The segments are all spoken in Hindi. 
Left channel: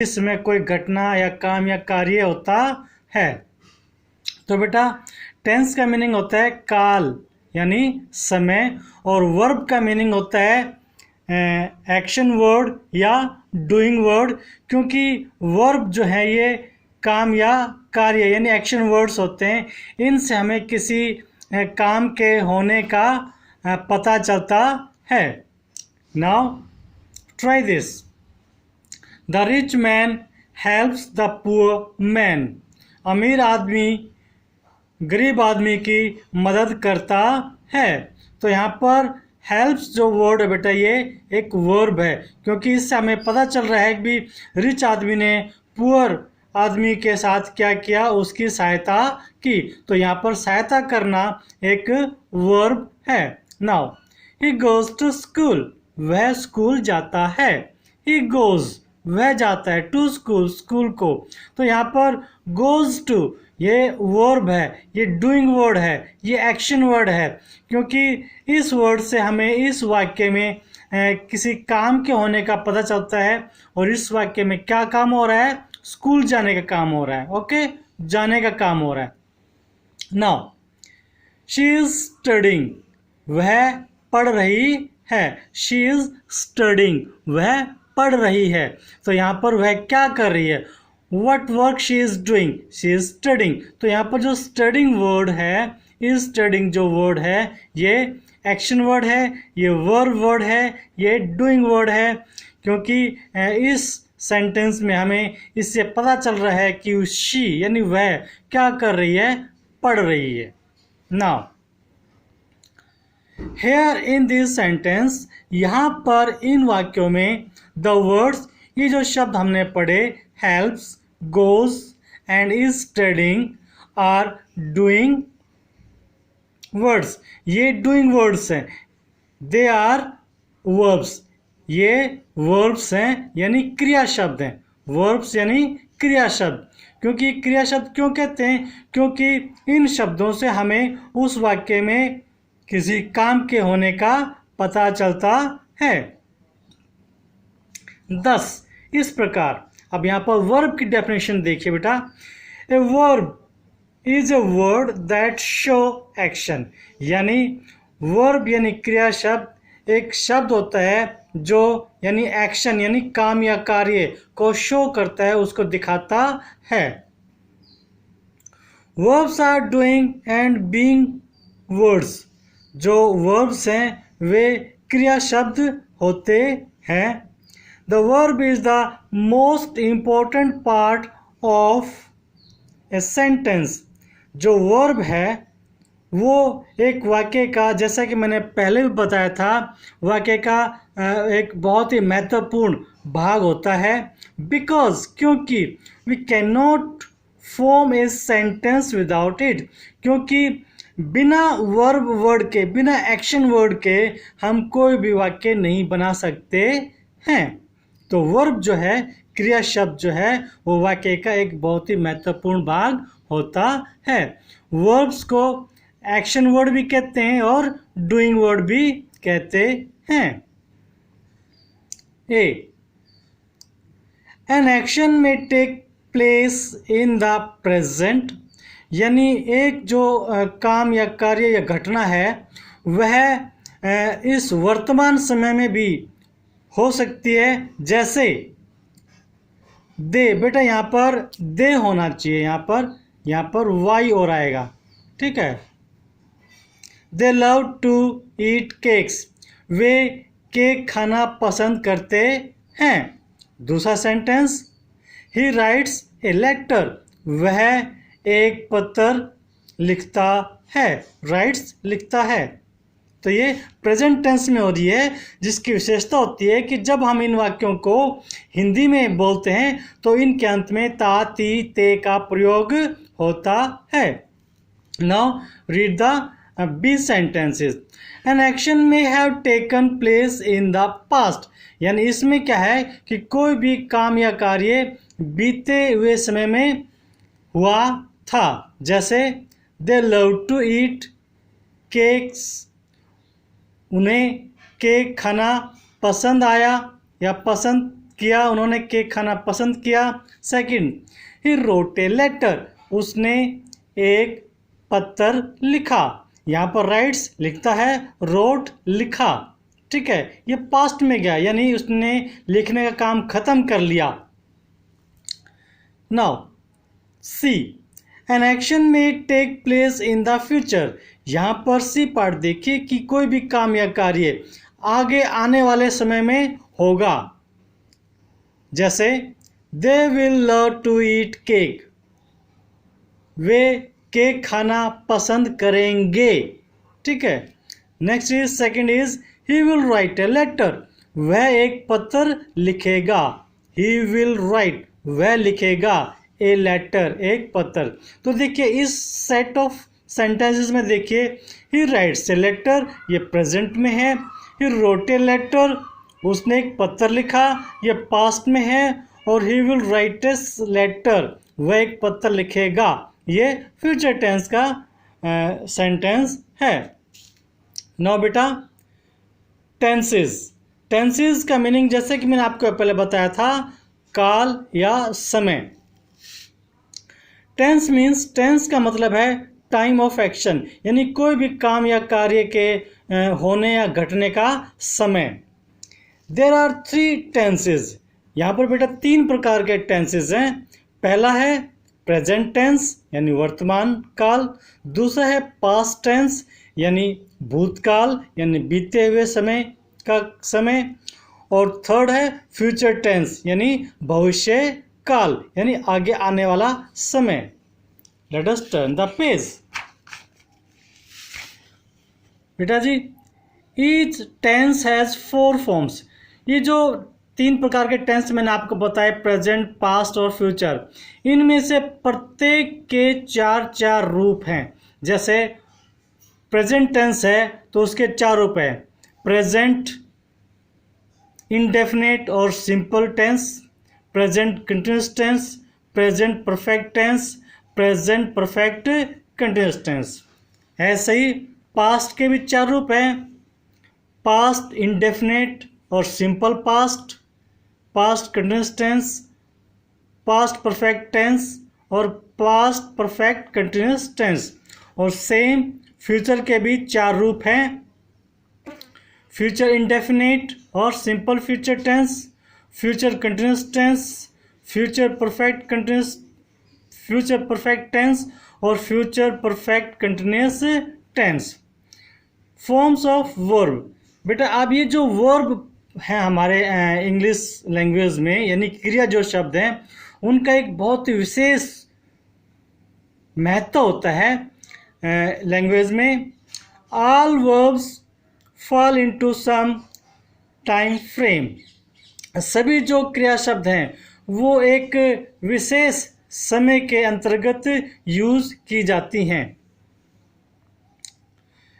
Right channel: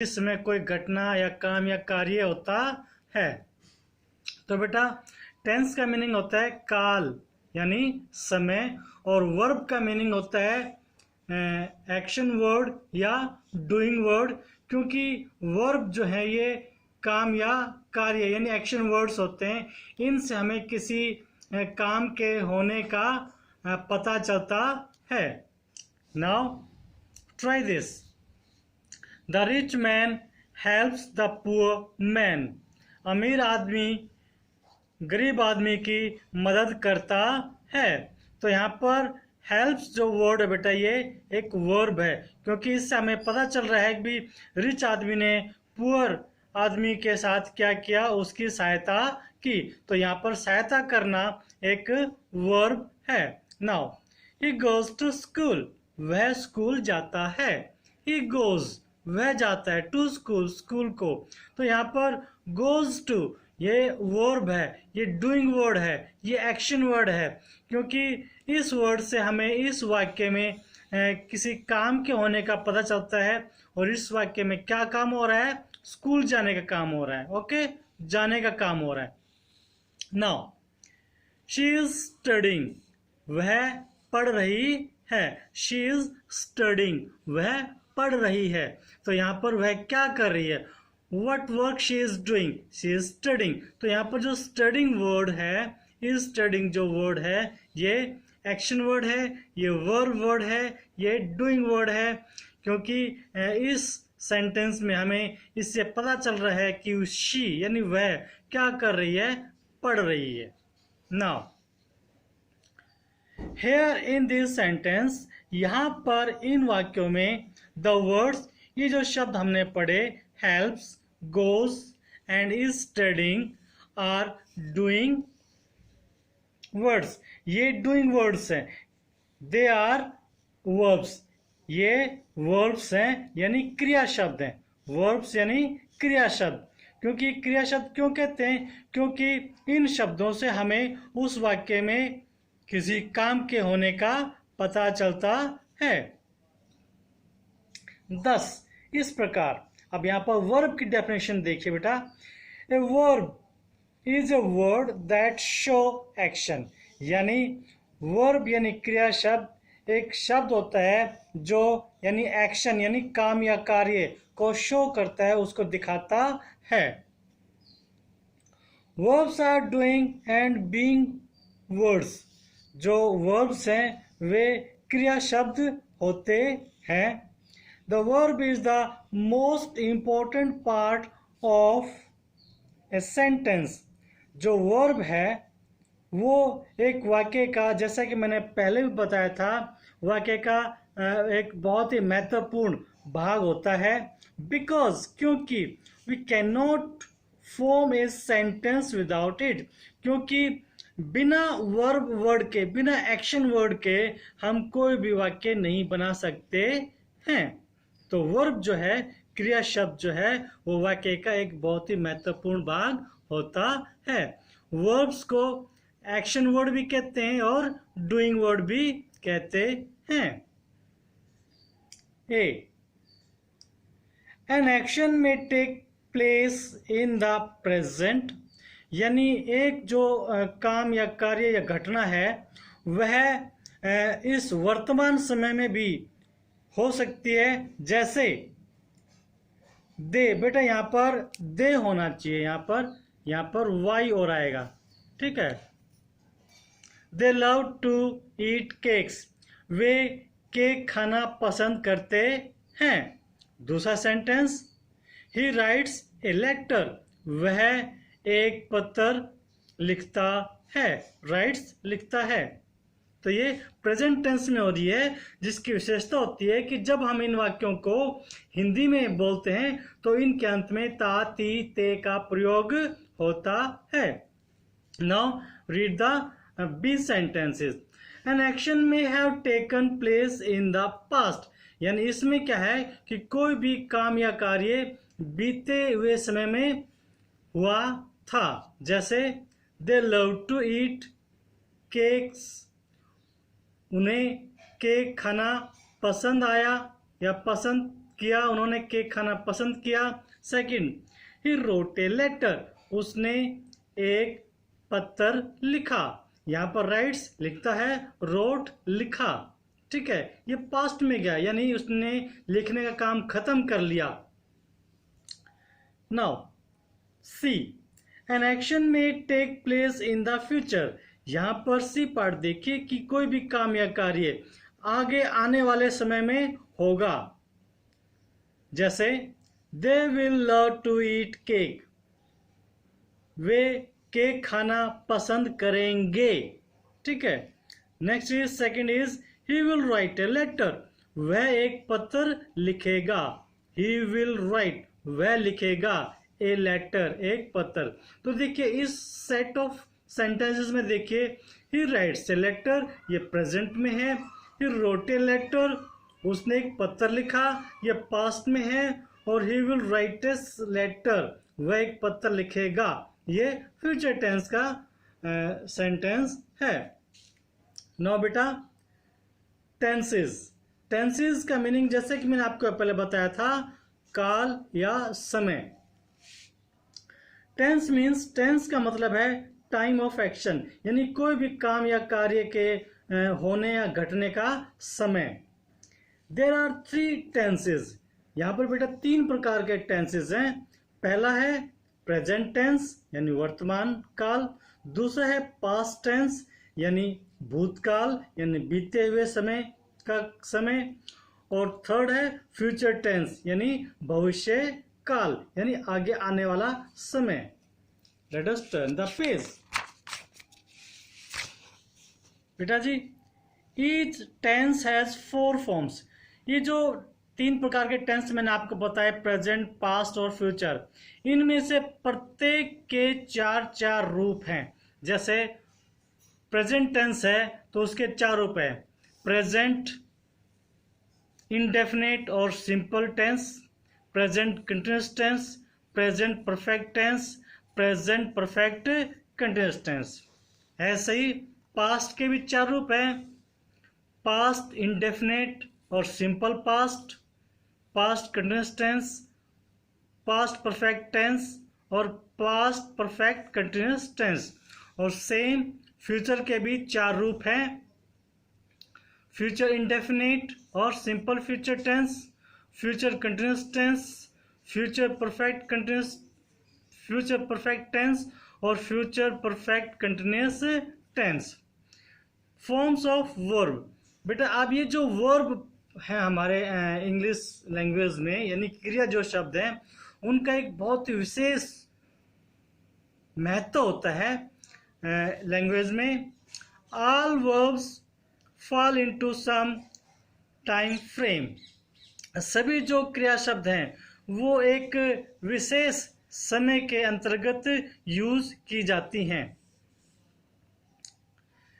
इसमें कोई घटना या काम या कार्य होता है। तो बेटा टेंस का मीनिंग होता है काल यानी समय, और वर्ब का मीनिंग होता है एक्शन वर्ड या डूइंग वर्ड, क्योंकि वर्ब जो है ये काम या कार्य यानी एक्शन वर्ड्स होते हैं, इनसे हमें किसी काम के होने का पता चलता है। Now try this. The rich man helps the poor man. अमीर आदमी गरीब आदमी की मदद करता है। तो यहाँ पर हेल्प्स जो वर्ड है बेटा ये एक वर्ब है, क्योंकि इससे हमें पता चल रहा है कि रिच आदमी ने पुअर आदमी के साथ क्या किया, उसकी सहायता की। तो यहाँ पर सहायता करना एक वर्ब है। Now he goes to school. वह स्कूल जाता है। ही गोज वह जाता है, टू स्कूल स्कूल को। तो यहाँ पर गोज टू ये वर्ब है, ये डूइंग वर्ड है, ये एक्शन वर्ड है, क्योंकि इस वर्ड से हमें इस वाक्य में किसी काम के होने का पता चलता है। और इस वाक्य में क्या काम हो रहा है, स्कूल जाने का काम हो रहा है। ओके, जाने का काम हो रहा है। Now she is studying. वह पढ़ रही है। शी इज स्टडिंग वह पढ़ रही है। तो यहाँ पर वह क्या कर रही है, what work she is doing, she is studying. तो यहाँ पर जो स्टडिंग वर्ड है, इज स्टडिंग जो वर्ड है ये एक्शन वर्ड है, ये वर्ब वर्ड है, ये डूइंग वर्ड है, क्योंकि इस सेंटेंस में हमें इससे पता चल रहा है कि शी यानी वह क्या कर रही है, पढ़ रही है। Now here in this sentence, यहाँ पर इन वाक्यों में द वर्ड्स, ये जो शब्द हमने पढ़े helps, goes and is studying are doing words. ये डूइंग वर्ड्स हैं, दे आर वर्ब्स। ये वर्ब्स हैं यानी क्रिया शब्द हैं। वर्ब्स यानी क्रिया शब्द। क्योंकि क्रिया शब्द क्यों कहते हैं, क्योंकि इन शब्दों से हमें उस वाक्य में किसी काम के होने का पता चलता है। 10 इस प्रकार। अब यहाँ पर वर्ब की डेफिनेशन देखिए बेटा। A verb is a word that show action. यानी वर्ब यानी क्रिया शब्द एक शब्द होता है जो यानी एक्शन यानी काम या कार्य को शो करता है, उसको दिखाता है। Verbs are doing and being words. जो वर्ब्स हैं वे क्रिया शब्द होते हैं। The verb is the most important part of a sentence. जो वर्ब है वो एक वाक्य का, जैसा कि मैंने पहले भी बताया था, वाक्य का एक बहुत ही महत्वपूर्ण भाग होता है। बिकॉज क्योंकि we can not form a sentence without it. क्योंकि बिना वर्ब वर्ड के, बिना एक्शन वर्ड के हम कोई भी वाक्य नहीं बना सकते हैं। तो वर्ब जो है, क्रिया शब्द जो है, वो वाक्य का एक बहुत ही महत्वपूर्ण भाग होता है। वर्ब्स को एक्शन वर्ड भी कहते हैं और डूइंग वर्ड भी कहते हैं। ए एन एक्शन में take place in the present. यानी एक जो काम या कार्य या घटना है वह इस वर्तमान समय में भी हो सकती है। जैसे दे, बेटा यहाँ पर दे होना चाहिए, यहाँ पर वाई और आएगा, ठीक है। They love to eat cakes. वे केक खाना पसंद करते हैं। दूसरा sentence, he writes a letter. वह एक पत्र लिखता है। राइट्स लिखता है। तो ये प्रेजेंट टेंस में हो रही है, जिसकी विशेषता होती है कि जब हम इन वाक्यों को हिंदी में बोलते हैं तो इनके अंत में ता, ती, ते का प्रयोग होता है। Now read the B sentences. An action में have taken place in the past. यानी इसमें क्या है कि कोई भी काम या कार्य बीते हुए समय में हुआ था। जैसे they love to eat cakes. उन्हें केक खाना पसंद आया या पसंद किया, उन्होंने केक खाना पसंद किया। Second, he wrote a letter, उसने एक पत्र लिखा। यहाँ पर राइट्स लिखता है, रोट लिखा, ठीक है, ये पास्ट में गया यानी उसने लिखने का काम खत्म कर लिया। नाउ सी, एन एक्शन में take place in the future, यहाँ पर सी पार्ट देखिए कि कोई भी काम या कार्य आगे आने वाले समय में होगा। जैसे they will love to eat cake, वे केक खाना पसंद करेंगे, ठीक है। Next is second is he will write a letter, वह एक पत्र लिखेगा। ही विल राइट, वह लिखेगा, ए लेटर, एक पत्र। तो देखिए इस सेट ऑफ सेंटेंसेस में देखिए, ही राइट्स ए लेटर, ये प्रेजेंट में है। ही रोट ए लेटर, उसने एक पत्र लिखा, ये पास्ट में है। और he will write a letter, वह एक पत्र लिखेगा, ये फ्यूचर टेंस का सेंटेंस है। नाउ बेटा टेंसेस, टेंसेस का मीनिंग जैसे कि मैंने आपको पहले बताया था, काल या समय। टेंस मीन्स, टेंस का मतलब है टाइम ऑफ एक्शन, यानी कोई भी काम या कार्य के होने या घटने का समय। देयर आर 3 टेंसेस, यहाँ पर बेटा 3 प्रकार के टेंसेस हैं। पहला है प्रेजेंट टेंस यानी वर्तमान काल, दूसरा है पास्ट टेंस यानी भूतकाल यानी बीते हुए समय का समय, और थर्ड है फ्यूचर टेंस यानी भविष्य काल यानी आगे आने वाला समय। Let us turn the page. बेटा जी, ईच टेंस हैज 4 फॉर्म्स, ये जो 3 प्रकार के टेंस मैंने आपको बताए, प्रेजेंट, पास्ट और फ्यूचर, इनमें से प्रत्येक के 4 रूप हैं। जैसे प्रेजेंट टेंस है तो उसके 4 रूप हैं, प्रेजेंट इंडेफिनेट और simple tense, present continuous tense, present perfect tense, present perfect continuous tense. ऐसे ही पास्ट के भी 4 रूप हैं, पास्ट इंडेफिनेट और simple past, past continuous tense, past perfect tense और पास्ट परफेक्ट कंटिन्यूअस टेंस। और सेम फ्यूचर के भी 4 रूप हैं, फ्यूचर इंडेफिनेट और simple future tense, future continuous tense, future perfect continuous, future perfect tense और future perfect continuous tense. Forms of verb, बेटा अब ये जो वर्ब हैं हमारे इंग्लिश लैंग्वेज में, यानी क्रिया जो शब्द हैं, उनका एक बहुत ही विशेष महत्व होता है लैंग्वेज में। All verbs fall into some time frame, सभी जो क्रिया शब्द हैं वो एक विशेष समय के अंतर्गत यूज की जाती हैं।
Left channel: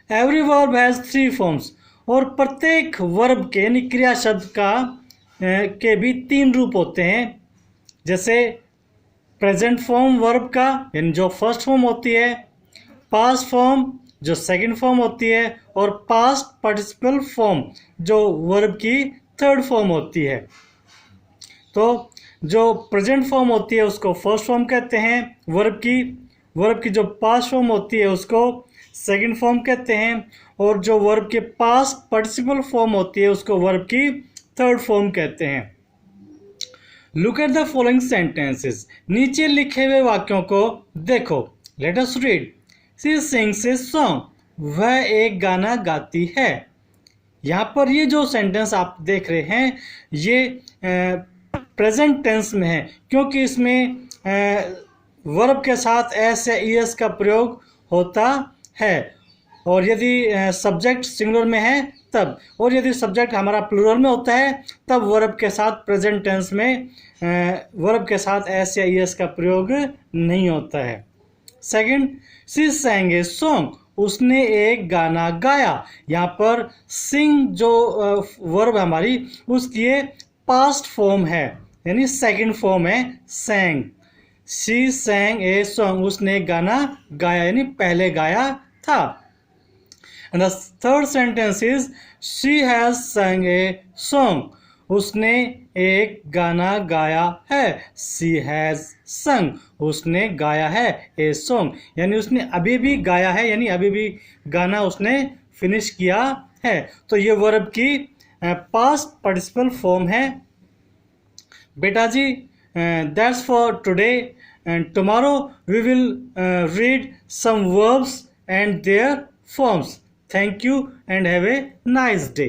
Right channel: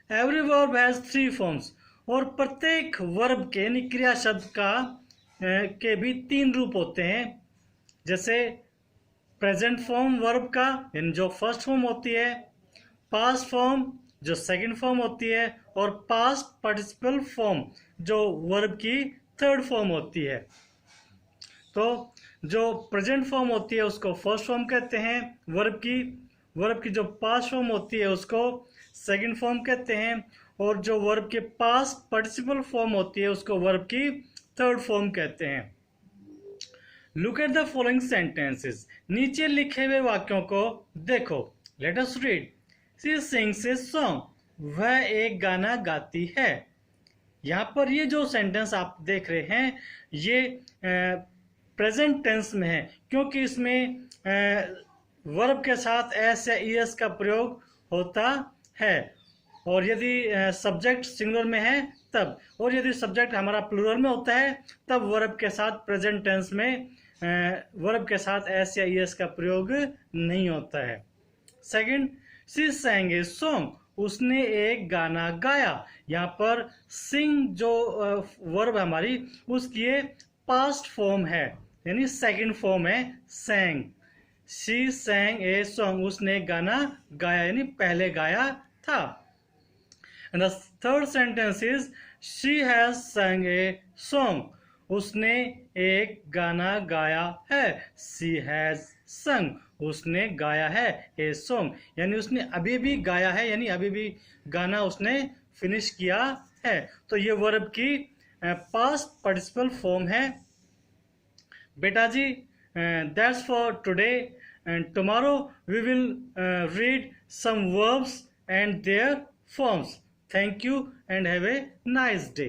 एवरी वर्ब हैज 3 फॉर्म्स, और प्रत्येक वर्ब के यानी क्रिया शब्द का के भी 3 रूप होते हैं। जैसे प्रेजेंट फॉर्म वर्ब का यानी जो फर्स्ट फॉर्म होती है, पास्ट फॉर्म जो सेकंड फॉर्म होती है, और पास्ट पार्टिसिपल फॉर्म जो वर्ब की थर्ड फॉर्म होती है। तो जो प्रेजेंट फॉर्म होती है उसको फर्स्ट फॉर्म कहते हैं वर्ब की जो पास्ट फॉर्म होती है उसको सेकंड फॉर्म कहते हैं, और जो वर्ब के पास्ट पार्टिसिपल फॉर्म होती है उसको वर्ब की थर्ड फॉर्म कहते हैं। Look at the following sentences, नीचे लिखे हुए वाक्यों को देखो। Let us read. She sings a song, वह एक गाना गाती है। यहाँ पर ये जो सेंटेंस आप देख रहे हैं ये प्रेजेंट टेंस में है, क्योंकि इसमें वर्ब के साथ एस या ईएस का प्रयोग होता है, और यदि सब्जेक्ट सिंगुलर में है तब, और यदि सब्जेक्ट हमारा प्लूरल में होता है तब वर्ब के साथ प्रेजेंट टेंस में वर्ब के साथ एस या ईएस का प्रयोग नहीं होता है। Second, she sang a song, उसने एक गाना गाया। यहाँ पर सिंग जो वर्ब हमारी उसकी पास्ट फॉर्म है यानी सेकंड फॉर्म है sang। She sang a song, उसने एक गाना गाया यानी पहले गाया था। And the third sentence is she has sang a song, उसने एक गाना गाया है। शी हैज़ sung, उसने गाया है ए सॉन्ग, यानी उसने अभी भी गाया है, यानी अभी भी गाना उसने फिनिश किया है। तो ये वर्ब की पास्ट पार्टिसिपल फॉर्म है। बेटा जी, that's for today and tomorrow we will read some verbs and their forms. Thank you and have a nice day.